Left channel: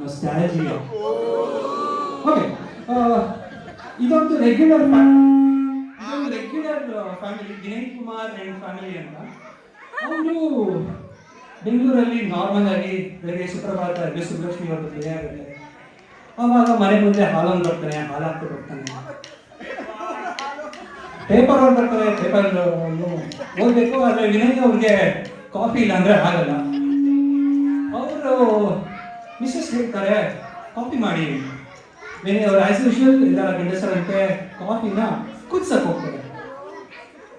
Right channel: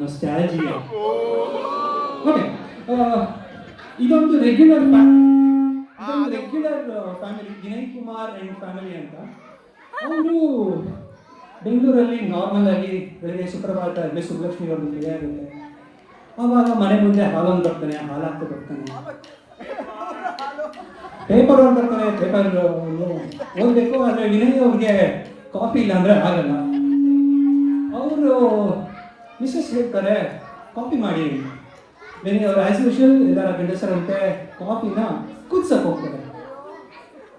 nostalgia. Okay, ಇದೊಂದು regular family, Dinesh Kumar and family ಅಂತ. ಅವರು ಬೆಂಗಳೂರಲ್ಲಿ ನಾರ್ಮಲ್ ಆಗಿ ಬೆಳಗ್ಗೆ ಸುಪ್ರಭಾತ ಅಲ್ಲಿ ಸುಬ್ಲಕ್ಷ್ಮಿ ಅವರು ಮದುವೆ ಆಗುತ್ತೆ. ಆವಾಗ ಮನೆ ಮುಂದೆ ಹಾಲನ್ನು ಬರ್ತಾನೆ, ಹಾಲು ಹಾಕ್ತಾ ಬರ್ತಾನೆ, ಪೇಪರ್ ಅವ್ರು ಬರ್ತಾರೆ, ಪೇಪರ್ ಓದಬೇಕು. ಆದರೆ ವಿನಯ್ ಅವ್ರಿಗೆ ಕಾಫಿ ಇಲ್ಲ ಅಂದರೆ ಆಗಲ್ಲ. ಅವರು ಮಿಸ್ಸಸ್ ಹೇಳ್ತಾರೆ ಕಾಫಿ ಮಾಡಿ. ವಿನಯ್ ಅವ್ರು ಆಸ್ ಯೂಶುವಲ್ ಎಲ್ಲ ಗಂಡಸರಂತೆ ಕಾಫಿನ ಕುದಿಸಕ್ಕೆ ಹೋಗ್ತಾರೆ.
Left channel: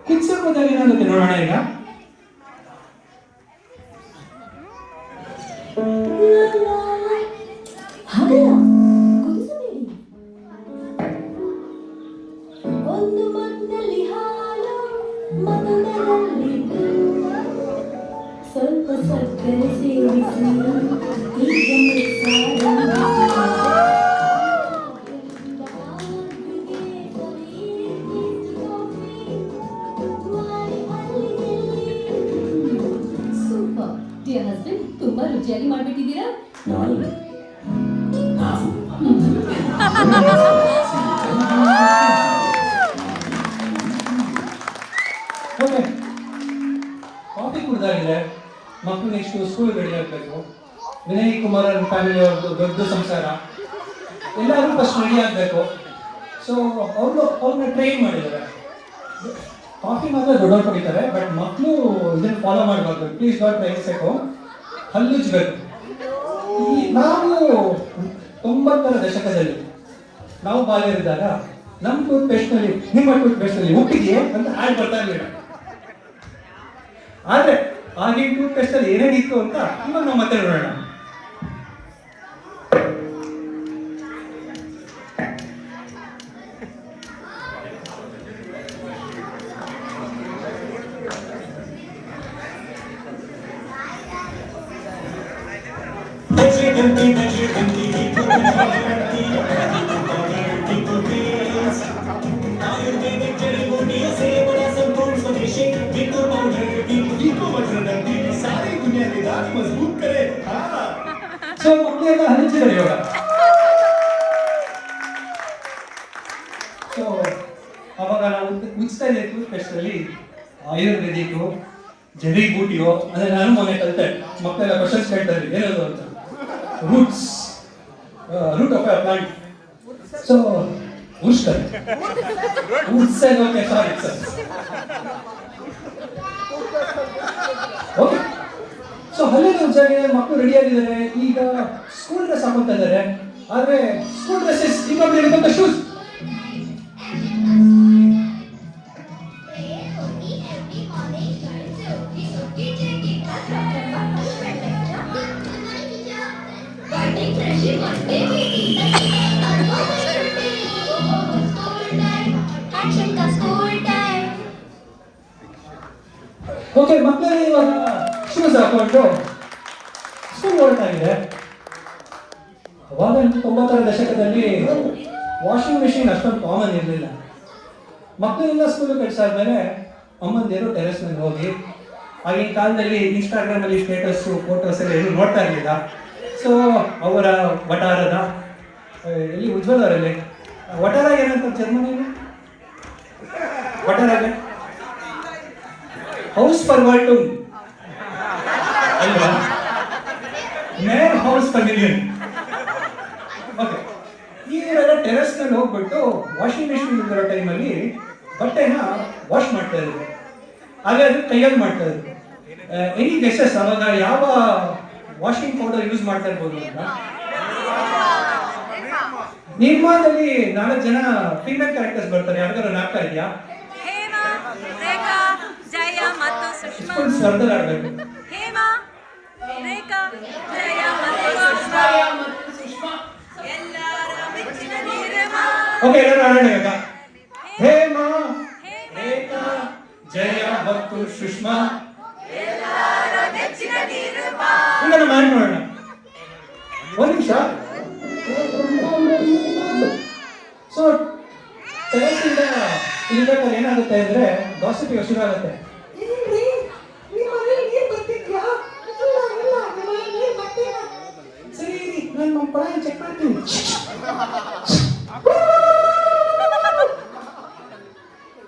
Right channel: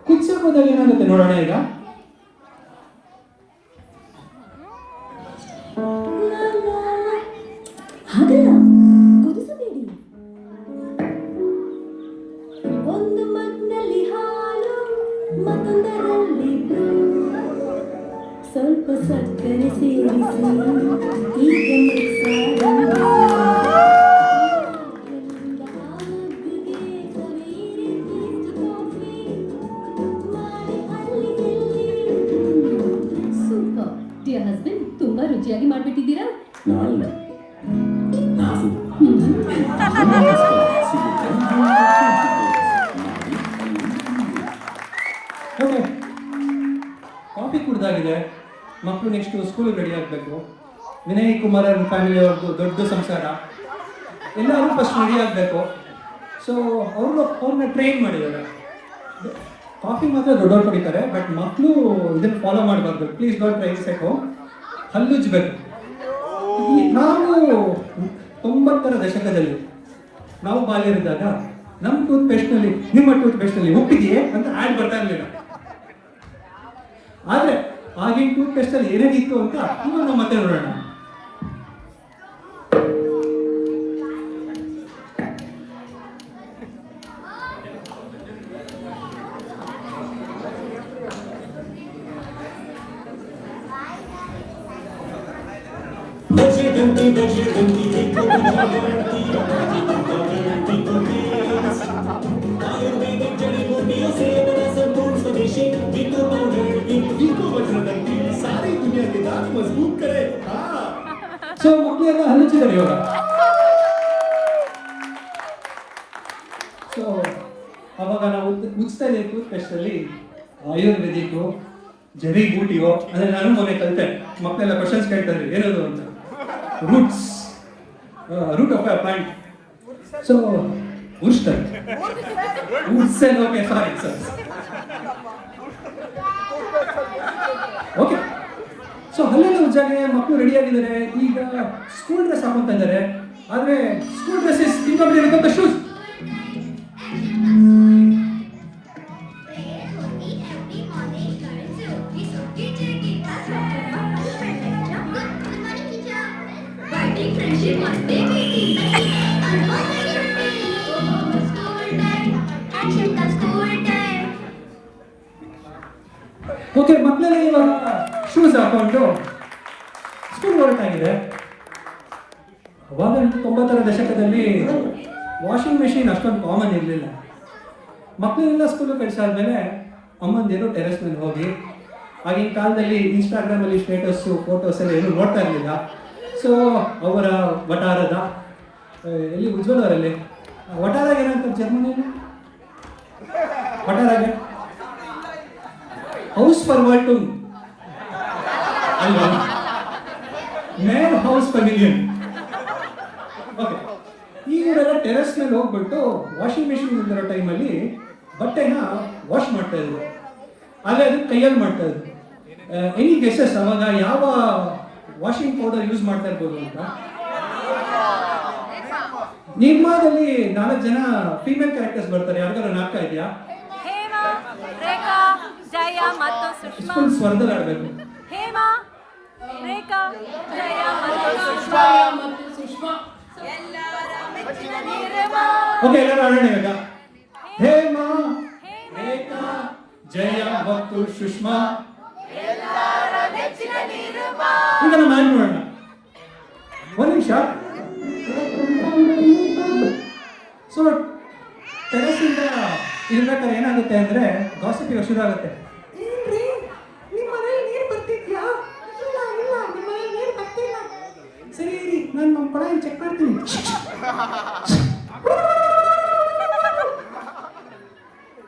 ಕುದಿಸಕ್ಕೆ ಹೋದಾಗ ಏನಾಗುತ್ತೆ ನೋಡೋಣ ಈಗ. ತುಂಬಾ ರುಚಿಯಾಗಿ ಮಾಡ್ಬಿಟ್ಟಿದ್ದೀರಾ. ಕಾಫಿ ಕುಡ್ದಾಗಿದೆ, ಮಕ್ಕಳು ನೆಕ್ಸ್ಟ್ ಸ್ಕೂಲ್ ರೆಡಿ ಆಗಬೇಕು. ವಿನಯ್ ಕುಮಾರ್ ಫ್ಯಾಮಿಲಿ ಅವ್ರದ್ದು ದೊಡ್ಡ ಸಂಸಾರ, ಎಲ್ಲರೂ ಫಸ್ಟ್ ರೆಡಿ ಆಗಬೇಕು. ಸೊ ಅವ್ರನ್ನ ಟ್ರೈನ್ ಮಾಡಿದ್ದಾರೆ. ಕಾಫಿ ಮಾತ್ರ ದೊಡ್ಡವ್ರು ಕುಡಿತಾರೆ, ಬಟ್ ಮಕ್ಕಳು ಇದನ್ನ ಫಾಲೋ ಮಾಡಬಾರ್ದು. ಪ್ಲೀಸ್ ಡಾಟ್ ಬೇಯಿಸಬೇಕು, ಹಲ್ಲುಜ್ಬೇಕು. ನಾವು 90ರ ದಶಕದಲ್ಲಿ ನಾವು ಬಾಲ್ಯರಿದ್ದಾಗ ನಮ್ಮ ಟೂತ್ ಪೇಸ್ಟ್ನಲ್ಲಿ, ನಿಮ್ಮ ಟೂತ್ ಪೇಸ್ಟ್ನಲ್ಲಿ ಉಪ್ಪಿದೆಯೇ ಅಂತ ಆಡ್ ಬರ್ತಾ ಇರಲಿಲ್ಲ. ಆದರೆ ಆಗಿನ ಟೂತ್ ಪೇಸ್ಟಲ್ಲಿ ಏನೇನಿತ್ತು ಅಂತ ಇವಾಗ ನಾವು ಮತ್ತೆ ನೋಡೋಣ. ಸೊ ಮಕ್ಕಳೆಲ್ಲ ಹಂಚಿದ್ದಾರೆ ಇವಾಗ. ಸೊ ಅವಾಗ ನಾವು ಮುಗಿಸ್ತಾ ಇದ್ದೆ ಟೂತ್ ಪೇಸ್ಟಲ್ಲಿ ಆಯುರ್ವೇದಿಕ್ಕು, ಜಡಿ ಬೂಟಿಯೋ, ಅಂದರೆ ನಾನು ಮೊನ್ನೆ ಕಲಿತೆ. ಮಕ್ಕಳೆಲ್ಲ ಕ್ವಶನ್ಸ್ ಕೇಳ್ತಾರೆ ಏನದು ಅಂತ. Root of a plant. So ಉಸ್ಟರ್ ಉಸ್ಸೆಲ್. Okay, sorry sir. Okay, so ಹಳ್ಳಿಯ ಜಾಗ ಮಕ್ಕಳು ರೆಡಿ ಆಗಿದ್ದಾರೆ. ಈಗ ಸ್ಕೂಲ್ ಡ್ರೆಸ್ ಹಾಕೊಳ್ತಾ ಇದ್ದಾರೆ. ಆದರೆ ಸ್ಕೂಲ್ ಡ್ರೆಸ್ಸಸ್ ಇನ್ನೊಬ್ಬರಿಗೆ ಶೂಸ್. ಓಕೆ, ಮಕ್ಕಳಲ್ಲಿ ಇವಾಗ ಶೂಸ್ ಹಾಕೊಂಡು ಸ್ಕೂಲ್ ಹೊರಟಾಗಿದೆ. ಅವಾಗ 90ರ ದಶಕದಲ್ಲಿ ವಾಷಿಂಗ್ ಮೆಷಿನ್ ಅಷ್ಟೊಂದು ಕಾಮನ್ ಇರಲಿಲ್ಲ. ಮಕ್ಕಳೆಲ್ಲ ಸ್ಕೂಲ್ ಕಳಿಸಾದ್ಮೇಲೆ ಅಮ್ಮಂದೇರು ಟೆರೆಸ್ ಮೇಲೆ ಹೋಗಿ, ಆಗಿನ ಕಾಲದಲ್ಲಿ ಇನ್ಸ್ಟಾಗ್ರಾಮಲ್ಲಿ ಸ್ಟೇಟಸ್ಸು ಫೋಟೋಸ್ ಎಲ್ಲ ಏನು ನೋಡ್ತಾ ಇರಲಿಲ್ಲ. ಸೊ ಅವರ ವಟಾರದ ಇಲ್ಲಿ ಉಜ್ವಲ್ ಅವರಲ್ಲಿ ವಟಾರ ಏನಂತ ಜರ್ಮನಿಯಲ್ಲಿ ವಟಾರಾಗೆ ಹೌಸ್ ಪರ್ವಾಲ್ಟುಂಗ್ ಅಲ್ವಾ, ಮೇನ್ ಹೌಸ್ ಪರ್ಮಿಲಿಯನ್. ಓಕೆ, ಈಗೆಲ್ಲ ಟೆರೆಸ್ನಲ್ಲಿ ಹೋಗ್ಬಿಟ್ಟು ವಾಷಿಂಗ್ ಮಿಷಿನ್ ಇರೋ ಟೈಮಲ್ಲಿ ಬಟ್ಟೆನ ವಾಶ್ ಮಾಡ್ತಾ ಇದ್ರು. ಹಾಗೆ ಅದು ಕೈಯಲ್ಲಿ ಮಾಡ್ತಾ ಇದ್ರು. ಎನಿ ಗೆಸಸ್ ಅವಾಗ ಯಾವ ವಾಷಿಂಗ್ ಪೌಡರ್ ಯೂಸ್ ಮಾಡ್ತಾ ಇರ್ಬೋದು ಅಂತ? ನಿರ್ಮಾಣದಲ್ಲಿ 4 ಜನ ಫೀಮೇಲ್ ಕ್ಯಾರೆಕ್ಟರ್ಸ್ ಬರ್ತಾರೆ. ಯಾವ್ದಾದ್ರು ನಾಟಕ ಇದೆಯಾ? ಹೇಮಾ, ರೇಖಾ, ಜಯ ಮತ್ತು ಸುಷ್ಮಾ. ಸ್ಪರ್ಧೆ ಆಡ್ಬೇಕು. ಹೇಮಾ, ರೇಖಾ, ಜಯ ಮತ್ತು ಸುಷ್ಮಾ. ಓಕೆ, ಎಲ್ಲರೂ ಆಡೋಣ ಈಗ. ಹೇಮಾ, ರೇಖಾ, ಜಯ ಮತ್ತು ಸುಷ್ಮಾ. ಎಲ್ಲರ ನೆಚ್ಚಿನ ನಿರ್ಮಾ. ಈಗ ನಾನು ಮಾಡೋಣ. ಒಂದು ನಿಮಿಷ. ಸೊ ಟೆರೆಸ್ಸಿಂದ ಇರ್ಬೇಕಾದ್ರೆ ಏನಾಗುತ್ತೆ ಅಂದರೆ ಗಾಸಿಪಿಗೆ ಶುರು ಆಗುತ್ತೆ. ಸರಿ, ನನ್ನ ಕೊಡ ಚೆಕ್ ಮಾಡ್ತೀನಿ